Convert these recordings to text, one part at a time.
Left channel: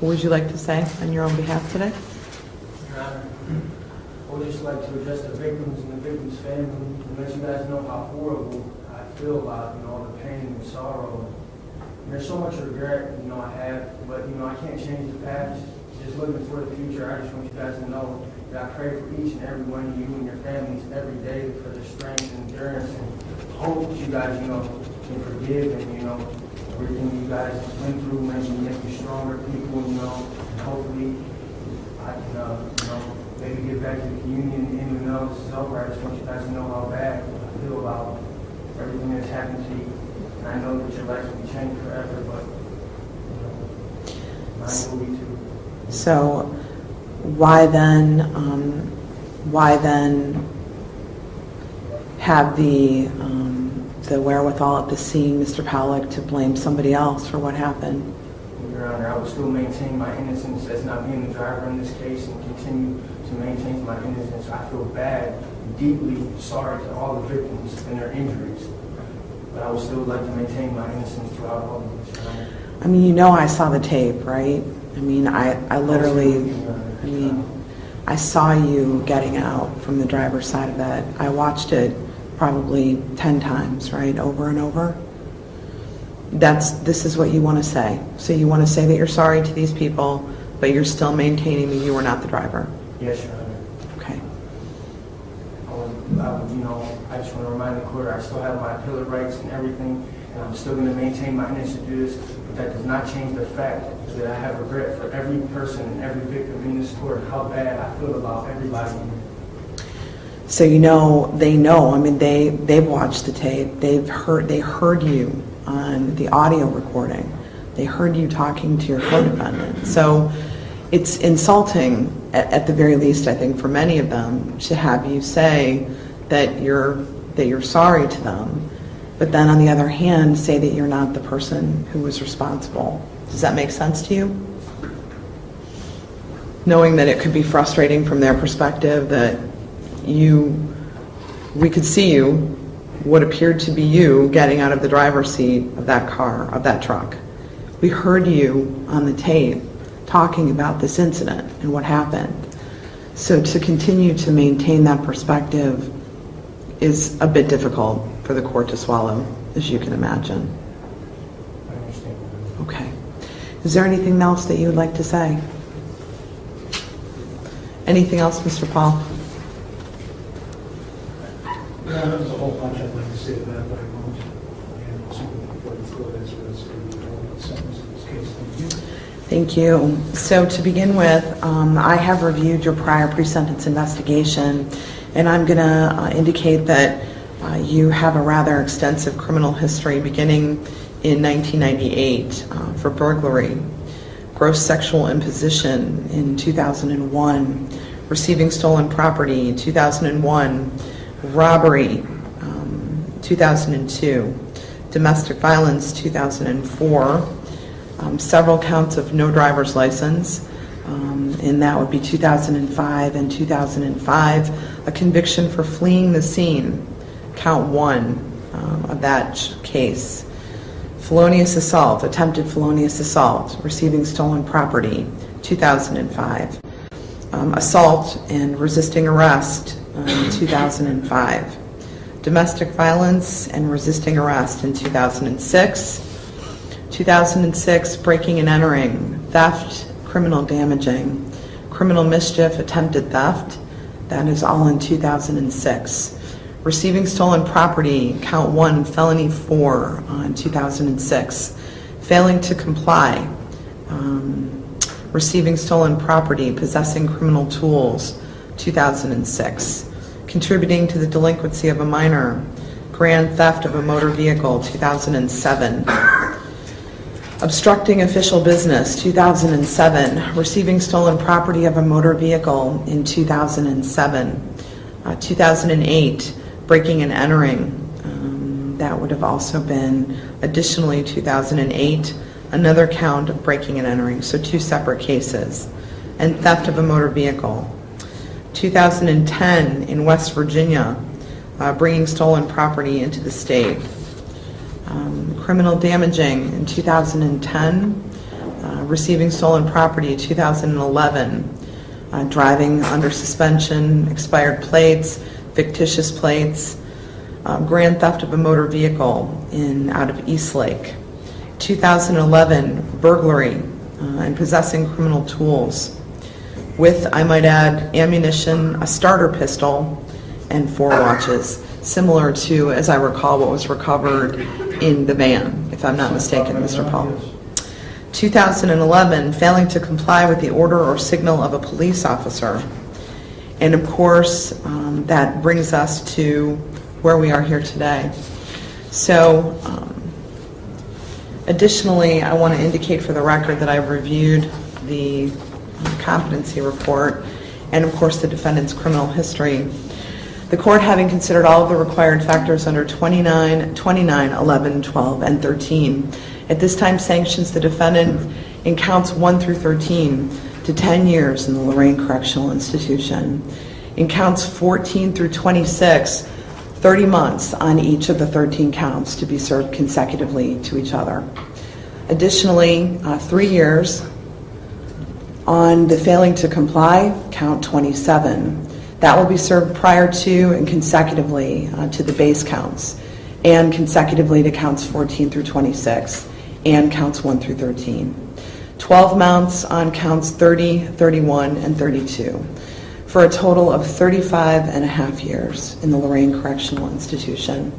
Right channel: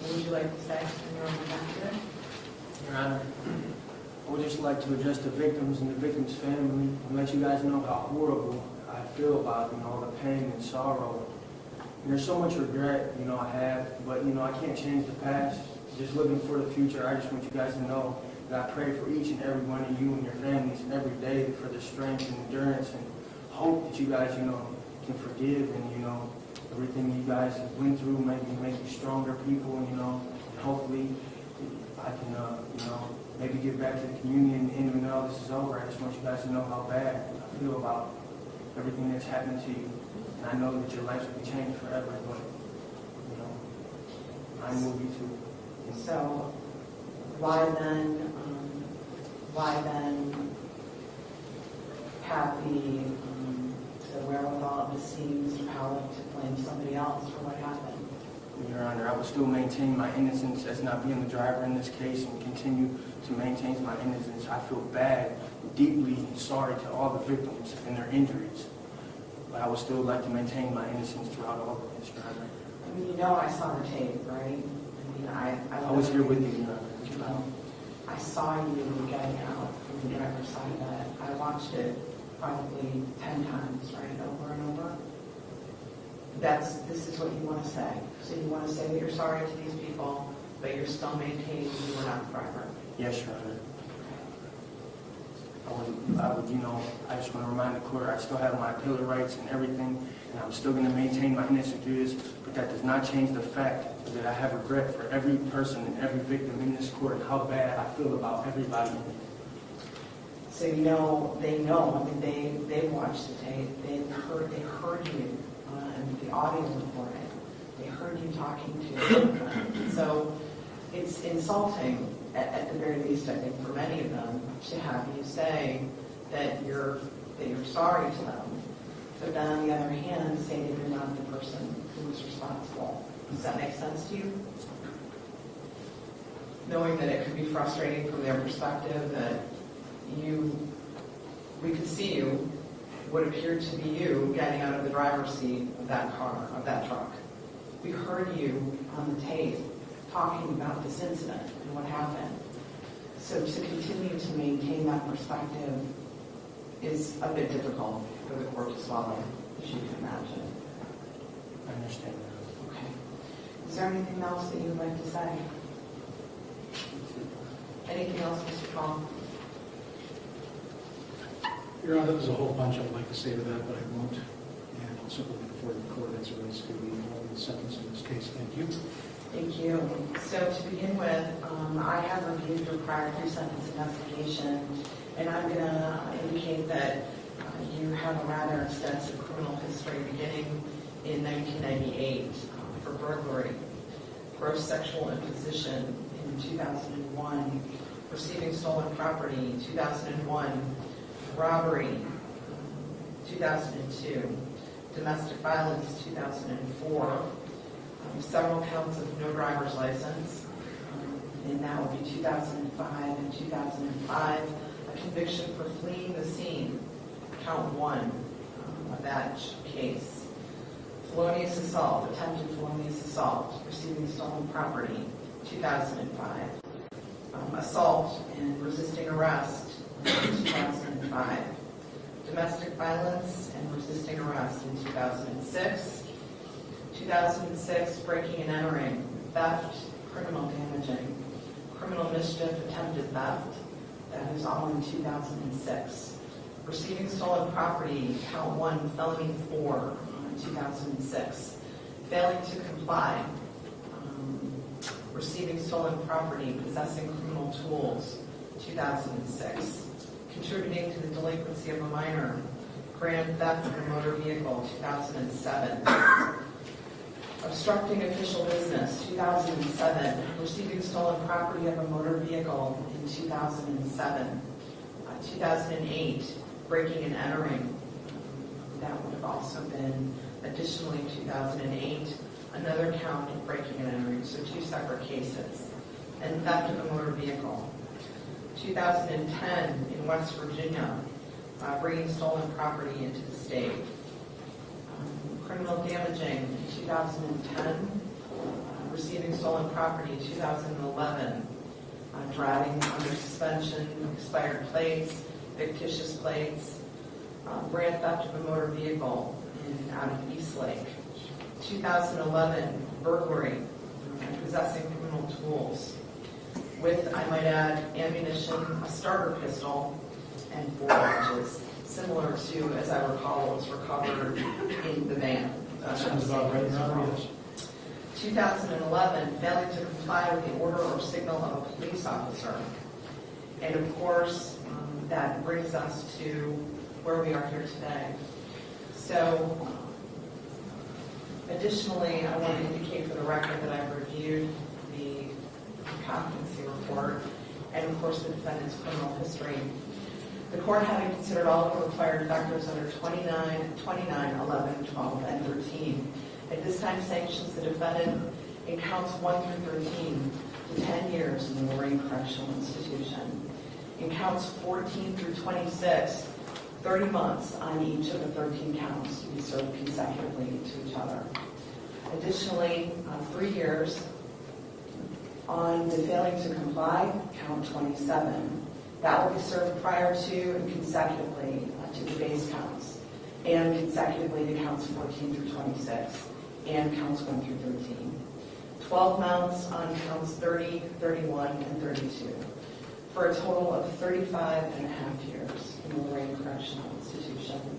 What would you like to say on your own behalf today? Your Honor, I would just like to address the victims and the victims' family, to let you guys know how horrible I feel about, all the pain and sorrow. And there's so much regret, I have, but, I can't change the past. Just looking for the future, I just want you guys to know that I pray for each and every one of you and your families every day for the strength and endurance, and hope that you guys, can forgive and, everything you guys went through make you stronger people, and hopefully I can, maybe get back to the community, and even though this is over, I just want you guys to know how bad I feel about everything that's happened to you. And I know that your lives will be changed forever, but mine will be too. So why then have the wherewithal at the scene, Mr. Pollack, to blame somebody else for what happened? Your Honor, I will still maintain my innocence as not being the driver in this case, and continue to maintain my innocence. I feel bad, deeply sorry to all the victims and their injuries, but I would still like to maintain my innocence throughout all of this, Your Honor. I mean, I saw the tape, right? I mean, I literally, I saw you getting out from the driver's side of that. I watched it probably 10 times, right, over and over. This is what you want to say. So you want to say that you're sorry to these people, but you're still maintaining that you were not the driver. Yes, Your Honor. Okay. I just want to remind the court I still have my appellate rights and everything, and I'm still going to maintain my innocence through this, but that does not change the fact that I have regret for every person and every victim in this court, how bad I feel about everybody. So they know. I mean, they've watched the tape. They heard you on the audio recording. They heard you talking to your co-defendant. So it's insulting, at the very least, I think, for many of them, to have you say that you're sorry to them, but then on the other hand, say that you're not the person who was responsible. Does that make sense to you? Knowing that it could be frustrating from their perspective, that we could see you, what appeared to be you, getting out of the driver's seat of that car, of that truck. We heard you on the tape talking about this incident and what happened. So to continue to maintain that perspective is a bit difficult for the court to swallow, as you can imagine. I understand. Okay. Is there anything else that you would like to say? Anything else, Mr. Paul? No, there's a whole bunch I'd like to say to that, but I won't. And also before the court as well as the sentence in this case. Thank you. Thank you. So to begin with, I have reviewed your prior pre-sentence investigation, and I'm going to indicate that you have a rather extensive criminal history beginning in 1998 for burglary, gross sexual imposition in 2001, receiving stolen property in 2001, robbery 2002, domestic violence 2004, several counts of no driver's license, and that would be 2005 and 2005, a conviction for fleeing the scene, count 1 of that case, felonious assault, attempted felonious assault, receiving stolen property, 2005, assault and resisting arrest, 2005, domestic violence and resisting arrest in 2006, 2006, breaking and entering, theft, criminal damaging, criminal mischief, attempted theft, that is all in 2006. Receiving stolen property, count 1, felony 4 in 2006. Failing to comply, receiving stolen property, possessing criminal tools, 2006. Contributing to the delinquency of a minor, grand theft of a motor vehicle, 2007. Obstructing official business, 2007. Receiving stolen property of a motor vehicle in 2007. 2008, breaking and entering. That would have also been additionally 2008, another count of breaking and entering, so 2 separate cases. And theft of a motor vehicle. 2010 in West Virginia, bringing stolen property into the state. Criminal damaging in 2010, receiving stolen property in 2011, driving under suspension, expired plates, fictitious plates, grand theft of a motor vehicle out of Eastlake. 2011, burglary and possessing criminal tools with, I might add, ammunition, a starter pistol, and 4 watches, similar to, as I recall, what was recovered in the van, if I'm not mistaken, Mr. Paul. 2011, failing to comply with the order or signal of a police officer. And of course, that brings us to where we are here today. So, additionally, I want to indicate for the record that I've reviewed the competency report and, of course, the defendant's criminal history. The court, having considered all of the required factors under 29, 11, 12, and 13, at this time sanctions the defendant in counts 1 through 13 to 10 years in the Lorraine Correctional Institution. In counts 14 through 26, 30 months on each of the 13 counts to be served consecutively to each other. Additionally, 3 years on the failing to comply, count 27. That will be served prior to and consecutively to the base counts, and consecutively to counts 14 through 26, and counts 1 through 13. 12 months on counts 30, 31, and 32, for a total of 35 and a half years in the Lorraine Correctional Institution.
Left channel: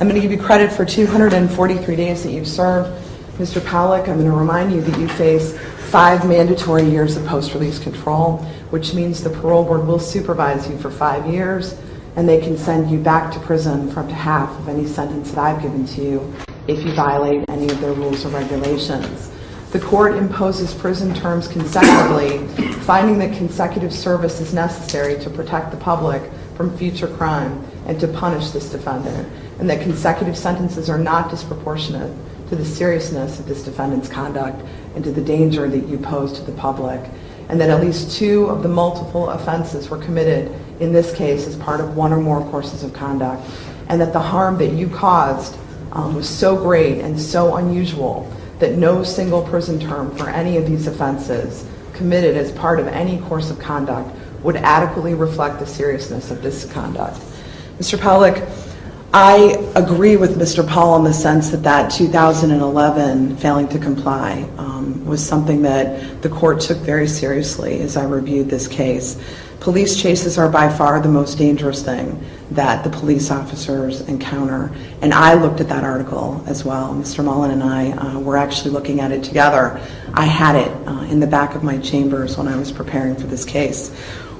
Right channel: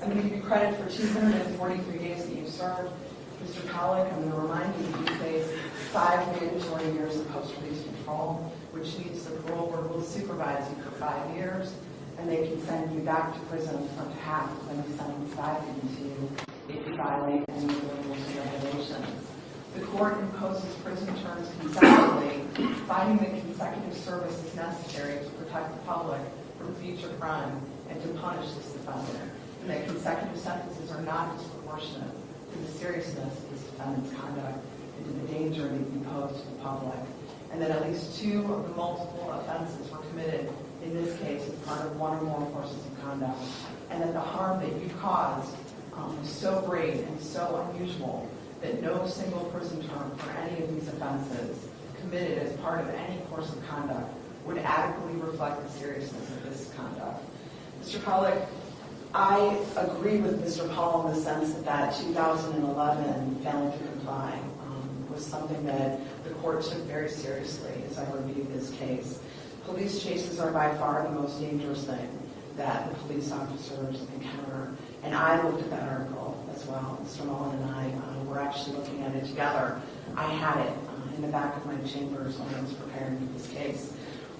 I'm going to give you credit for 243 days that you've served. Mr. Pollack, I'm going to remind you that you face 5 mandatory years of post-release control, which means the parole board will supervise you for 5 years, and they can send you back to prison for up to half of any sentence that I've given to you if you violate any of their rules or regulations. The court imposes prison terms consecutively, finding that consecutive service is necessary to protect the public from future crime and to punish this defendant, and that consecutive sentences are not disproportionate to the seriousness of this defendant's conduct and to the danger that you pose to the public, and that at least 2 of the multiple offenses were committed in this case as part of 1 or more courses of conduct, and that the harm that you caused was so great and so unusual that no single prison term for any of these offenses committed as part of any course of conduct would adequately reflect the seriousness of this conduct. Mr. Pollack, I agree with Mr. Paul in the sense that 2011 failing to comply was something that the court took very seriously as I reviewed this case. Police chases are by far the most dangerous thing that the police officers encounter, and I looked at that article as well. Mr. Mullen and I were actually looking at it together. I had it in the back of my chambers when I was preparing for this case.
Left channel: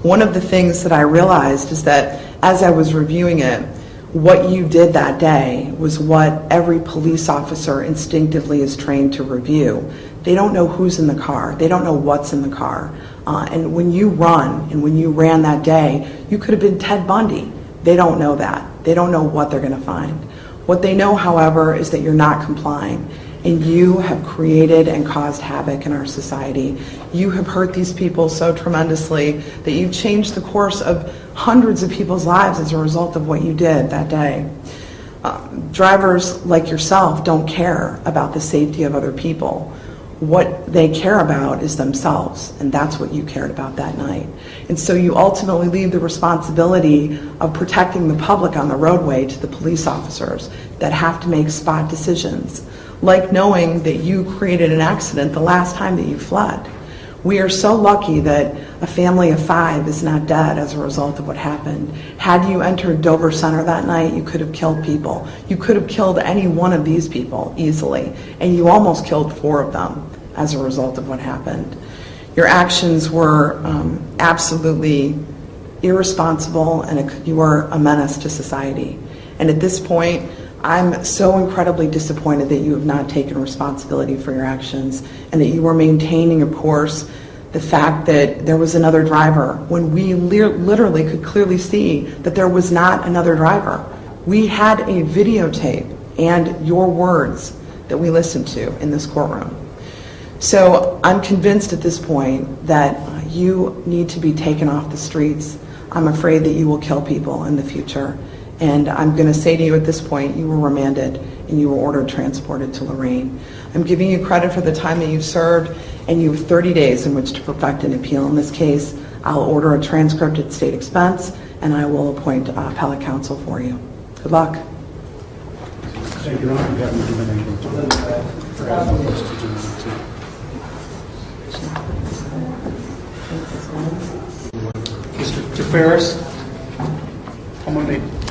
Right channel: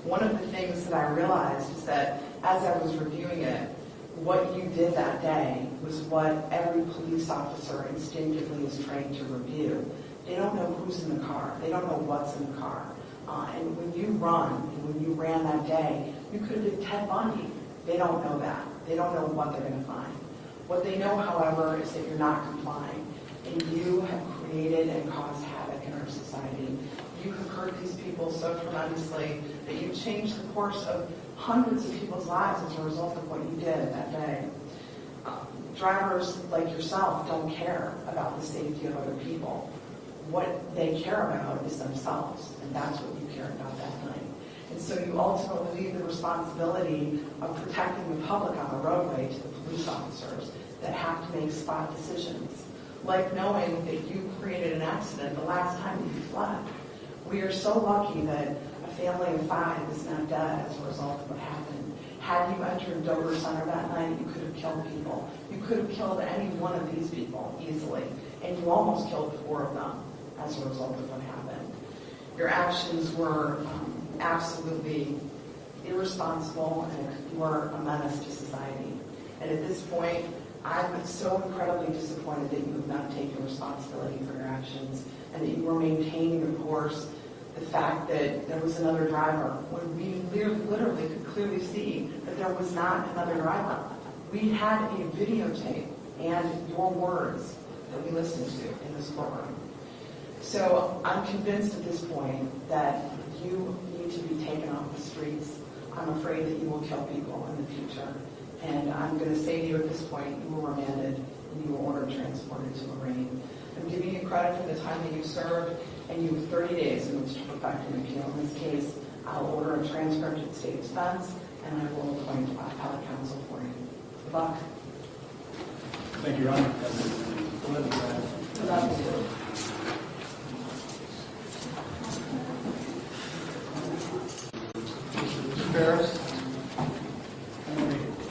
One of the things that I realized is that as I was reviewing it, what you did that day was what every police officer instinctively is trained to review. They don't know who's in the car. They don't know what's in the car. And when you run, and when you ran that day, you could have been Ted Bundy. They don't know that. They don't know what they're going to find. What they know, however, is that you're not complying. And you have created and caused havoc in our society. You have hurt these people so tremendously that you've changed the course of hundreds of people's lives as a result of what you did that day. Drivers like yourself don't care about the safety of other people. What they care about is themselves, and that's what you cared about that night. And so you ultimately leave the responsibility of protecting the public on the roadway to the police officers that have to make spot decisions, like knowing that you created an accident the last time that you fled. We are so lucky that a family of 5 is not dead as a result of what happened. Had you entered Dover Center that night, you could have killed people. You could have killed any one of these people easily, and you almost killed 4 of them as a result of what happened. Your actions were absolutely irresponsible, and you were a menace to society. And at this point, I'm so incredibly disappointed that you have not taken responsibility for your actions and that you are maintaining, of course, the fact that there was another driver when we literally could clearly see that there was not another driver. We had a videotape and your words that we listened to in this courtroom. So I'm convinced at this point that you need to be taken off the streets. I'm afraid that you will kill people in the future. And I'm going to say to you at this point, you were remanded and you were ordered transported to Lorraine. I'm giving you credit for the time that you've served, and you have 30 days in which to perfect an appeal. In this case, I'll order a transcript at state expense, and I will appoint appellate counsel for you. Good luck. Thank you, Your Honor. You haven't given any. Forgot about those to do too. Mr. Ferris, I'm going to make